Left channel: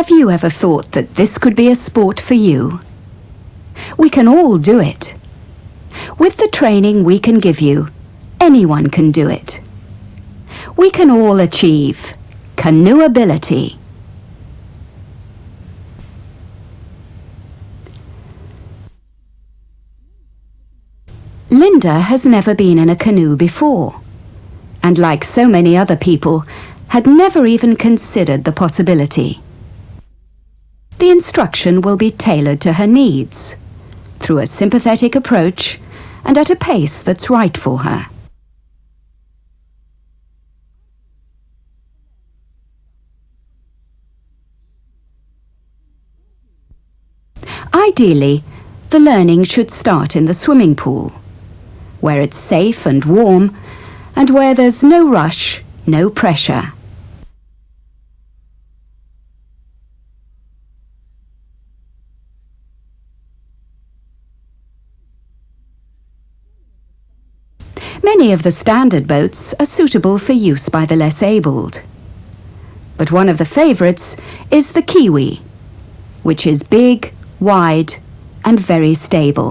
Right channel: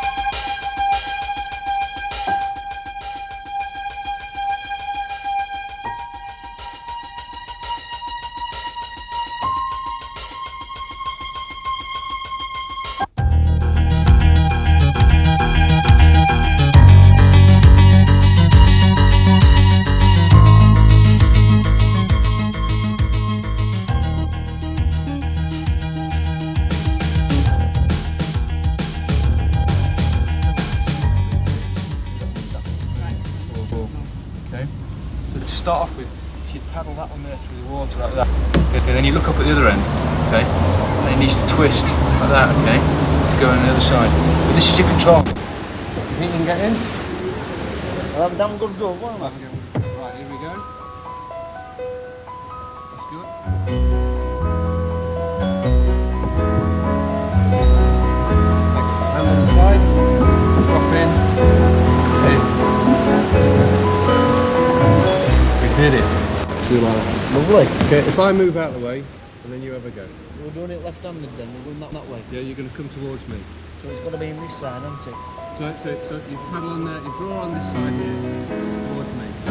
Have you ever thought that this could be a sport for you? We can all do it. With the training we can give you, anyone can do it. We can all achieve canoeability. Linda has never been in a canoe before, and like so many other people, had never even considered the possibility. The instruction will be tailored to her needs, through a sympathetic approach and at a pace that's right for her. Okay, then you look up at the other end, okay? And it needs to twist like that, okay? To go on the other side. But this is your control. You think you can get in? Ideally, the learning should start in the swimming pool, where it's safe and warm, and where there's no rush, no pressure. Hand on the side, drop in. We did it. Lovely. Okay. Many of the standard boats are suitable for use by the less abled. But one of the favourites is the Kiwi, which is big, wide, and very stable.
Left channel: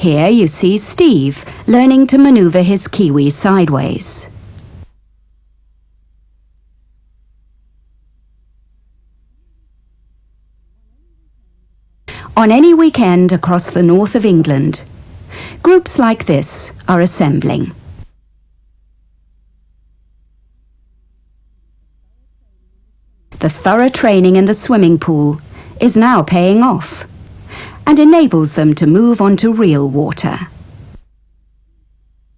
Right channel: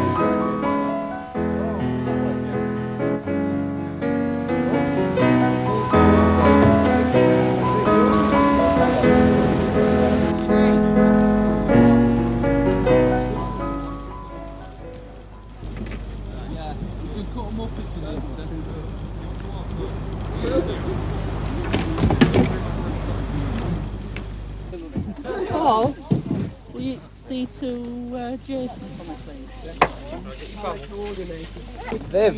Here you see Steve learning to manoeuvre his Kiwi sideways. On any weekend across the north of England, groups like this are assembling. The thorough training in the swimming pool is now paying off and enables them to move on to real water. The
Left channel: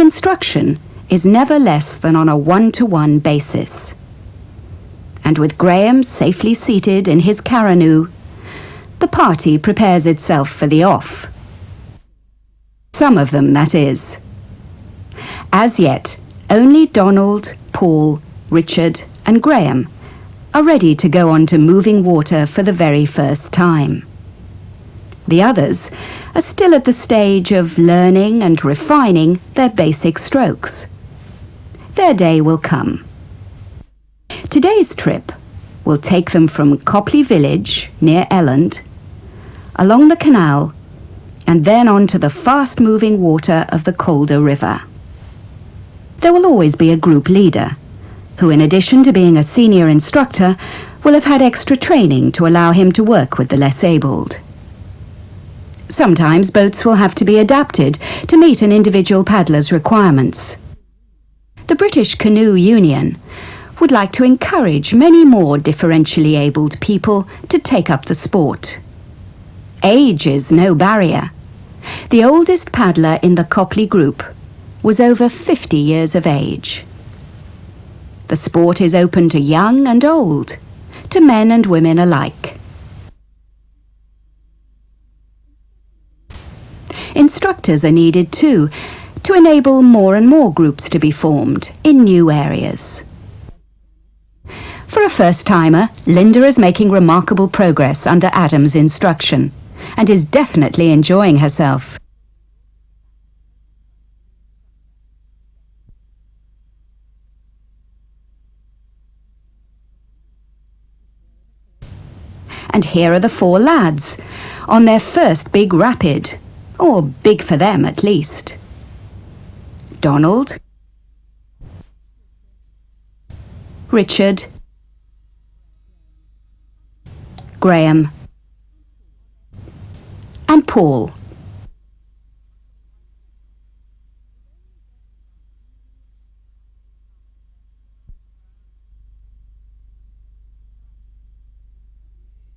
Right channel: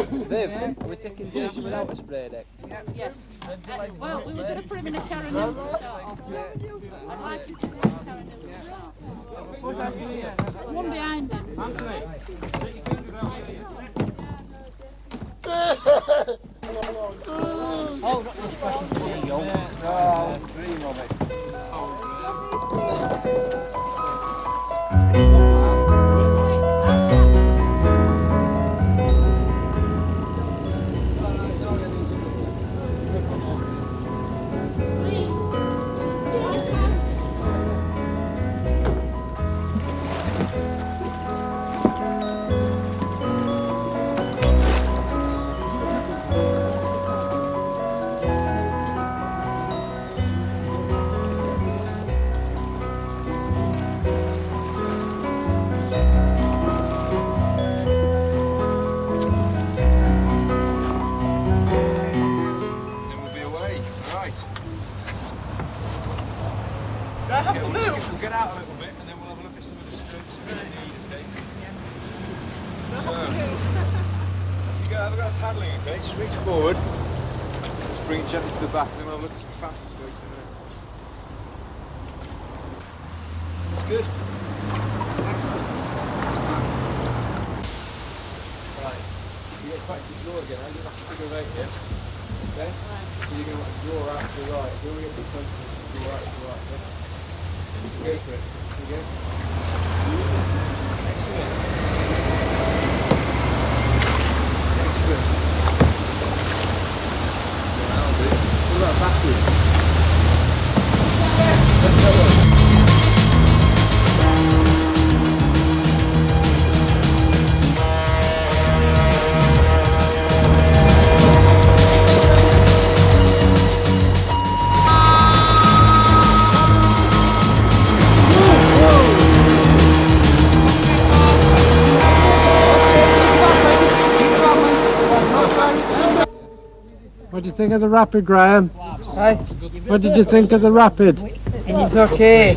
instruction is never less than on a one-to-one basis. And with Graham safely seated in his canoe, the party prepares itself for the off. Some of them, that is. As yet, only Donald, Paul, Richard and Graham are ready to go on to moving water for the very first time. The others are still at the stage of learning and refining their basic strokes. Their day will come. Today's trip will take them from Copley Village, near Elland, along the canal, and then on to the fast-moving water of the Calder River. There will always be a group leader, who in addition to being a senior instructor, will have had extra training to allow him to work with the less abled. Sometimes boats will have to be adapted to meet an individual paddler's requirements. The British Canoe Union would like to encourage many more differentially abled people to take up the sport. Age is no barrier. The oldest paddler in the Copley group was over 50 years of age. The sport is open to young and old, to men and women alike. Instructors are needed too, to enable more and more groups to be formed in new areas. For a first-timer, Linda is making remarkable progress under Adam's instruction and is definitely enjoying herself. And here are the four lads, on their first big rapid, or big for them at least. Donald, Richard, Graham, and Paul. What do you think of the rapid, Graham? Hi. What did you think of the rapid? It's okay.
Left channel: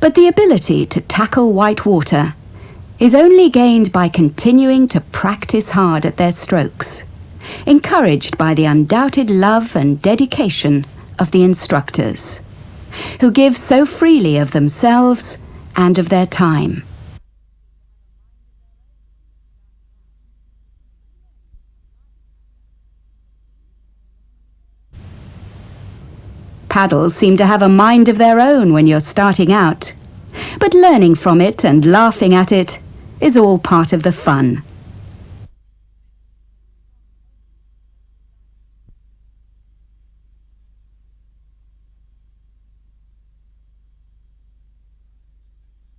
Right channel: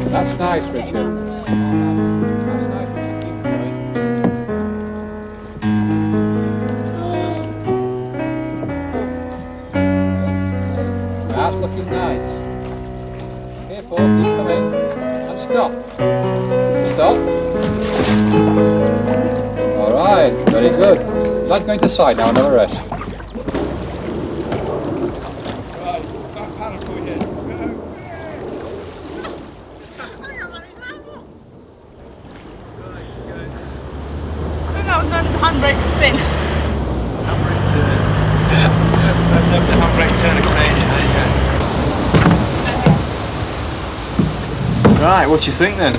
But the ability to tackle white water is only gained by continuing to practice hard at their strokes, encouraged by the undoubted love and dedication of the instructors, who give so freely of themselves and of their time. Stop. All right, very good. Like going to the side now, another rest. Paddles seem to have a mind of their own when you're starting out, but learning from it and laughing at it is all part of the fun. spin. Handbrake turn. I've never the handbrake turn a Canadian, there you go. Right, what do you think then?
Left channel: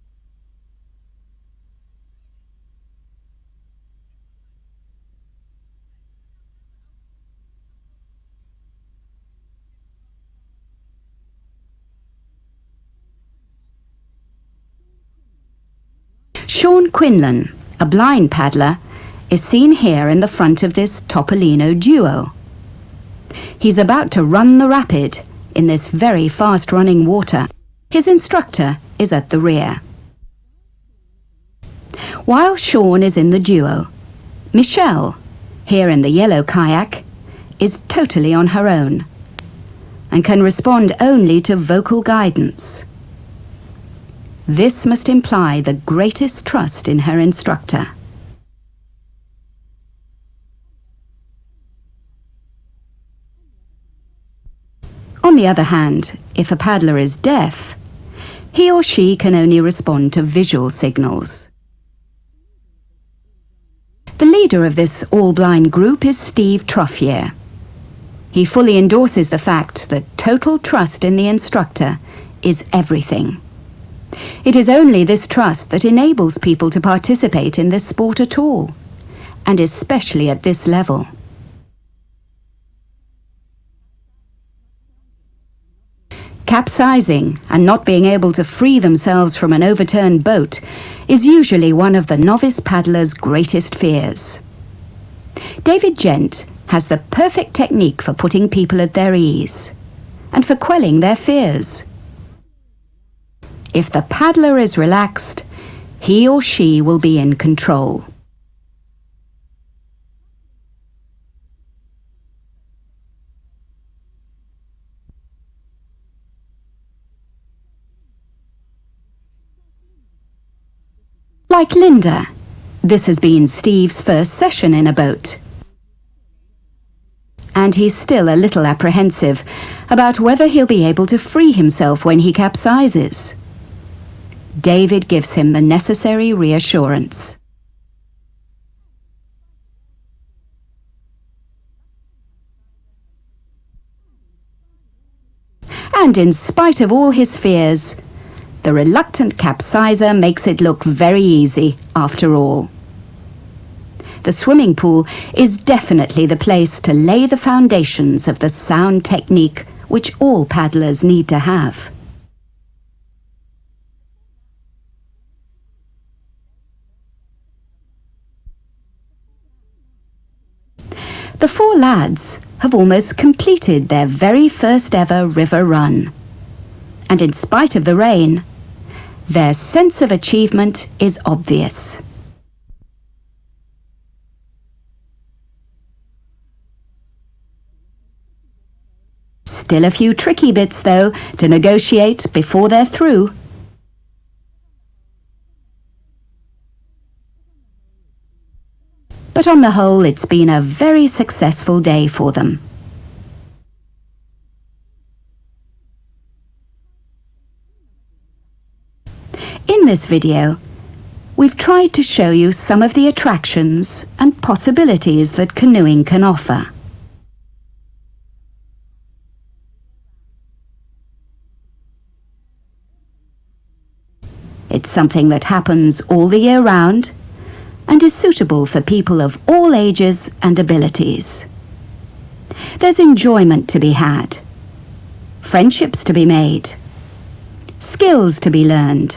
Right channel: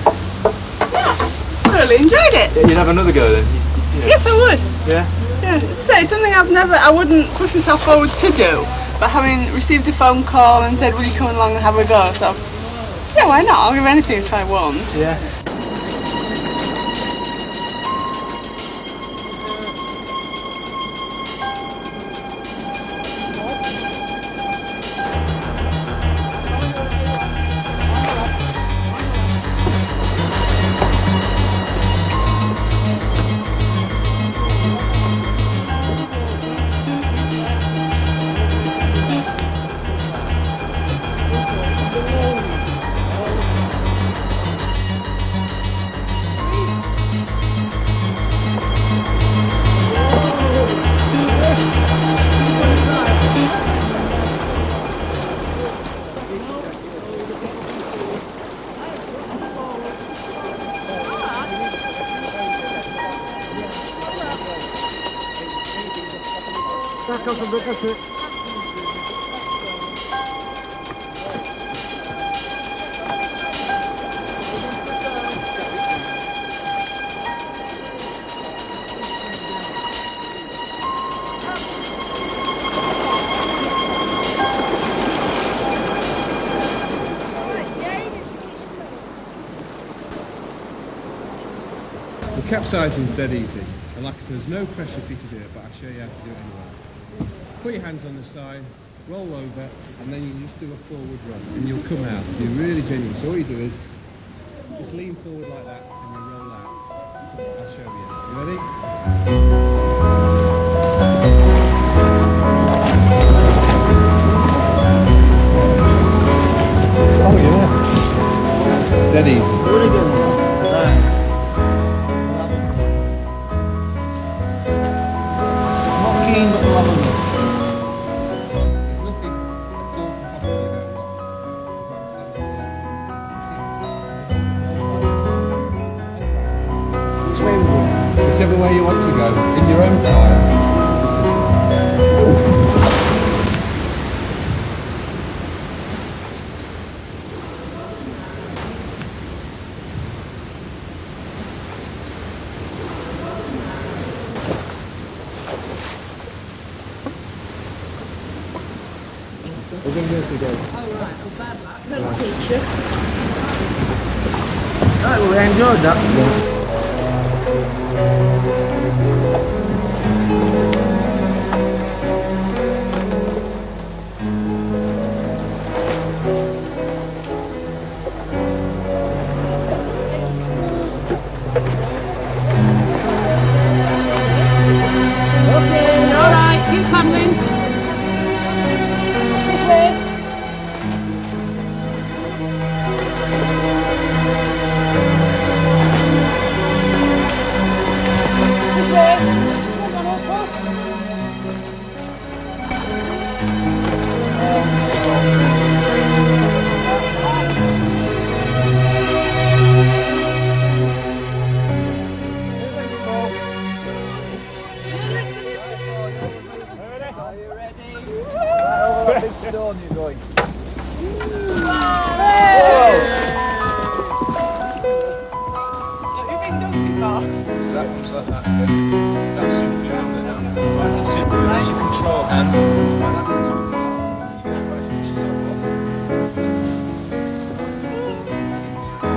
Really enjoyed it. You'd have another go then? Yes, I would. Yeah? Yeah, so it's something I wouldn't push myself forward to do, but having received a phone call and said, will you come along and have a go, so yeah, why not? I'll give anything a try once. Yeah. Sean Quinlan, a blind paddler, is seen here in the front of this Topolino duo. He's about to run the rapid in this very fast-running water. His instructor is at the rear. While Sean is in the duo, Michelle, here in the yellow kayak, is totally on her own and can respond only to vocal guidance. This must imply the greatest trust in her instructor. On the other hand, if a paddler is deaf, he or she can only respond to visual signals. The leader of this all-blind group is Steve Truffier. He fully endorses the fact that total trust in the instructor is everything. It is only this trust that enables people to participate in this sport at all, and especially at this level. Capsizing and not being able to free themselves from an overturned boat is usually one of the novice paddler's greatest fears. David Gent has the perfect technique for putting people at their ease and for quelling their fears. If the paddler is relaxed, he or she will be in control. Oh yeah. Dead easy. Like Linda, this has been Steve's first session in a boat. And he's still a little apprehensive about whether he'll be able to free himself when he capsizes. David gives him the necessary reassurance. Whichever way you want to go, in your own time. And in spite of all his fears, the reluctant capsizer makes it look very easy after all. The swimming pool is definitely the place to lay the foundations of the sound technique which all paddlers need to have. Right, well, we enjoyed that. The four lads have almost completed their very first ever river run. And in spite of the rain, their sense of achievement is obvious. Okay, all right, keep paddling. Still a few tricky bits, though, to negotiate before they're through. But on the whole, it's been a very successful day for them. In this video, we've tried to show you some of the attractions and possibilities that canoeing can offer. It's something that happens all the year round and is suitable for people of all ages and abilities. There's enjoyment to be had, friendships to be made, skills to be learned,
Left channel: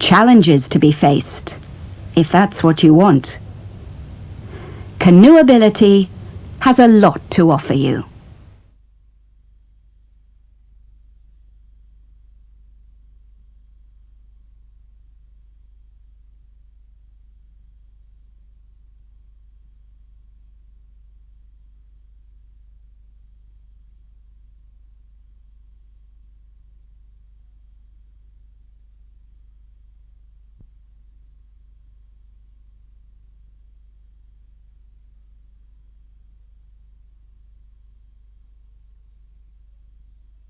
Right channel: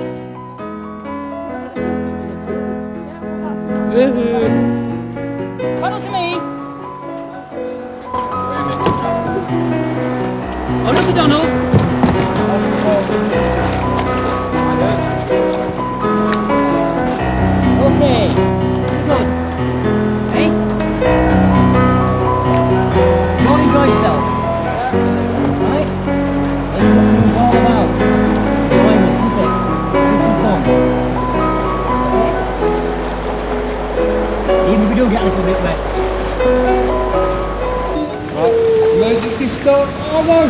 challenges to be faced, if that's what you want. Canoeability has a lot to offer you. Okay, good. Hey? Go enjoy yourself. Right? That's what it's all about. Enjoyment, isn't it? Have some fun. Okay? Even if we do get a little bit wet. Right, emergency start. Oh no!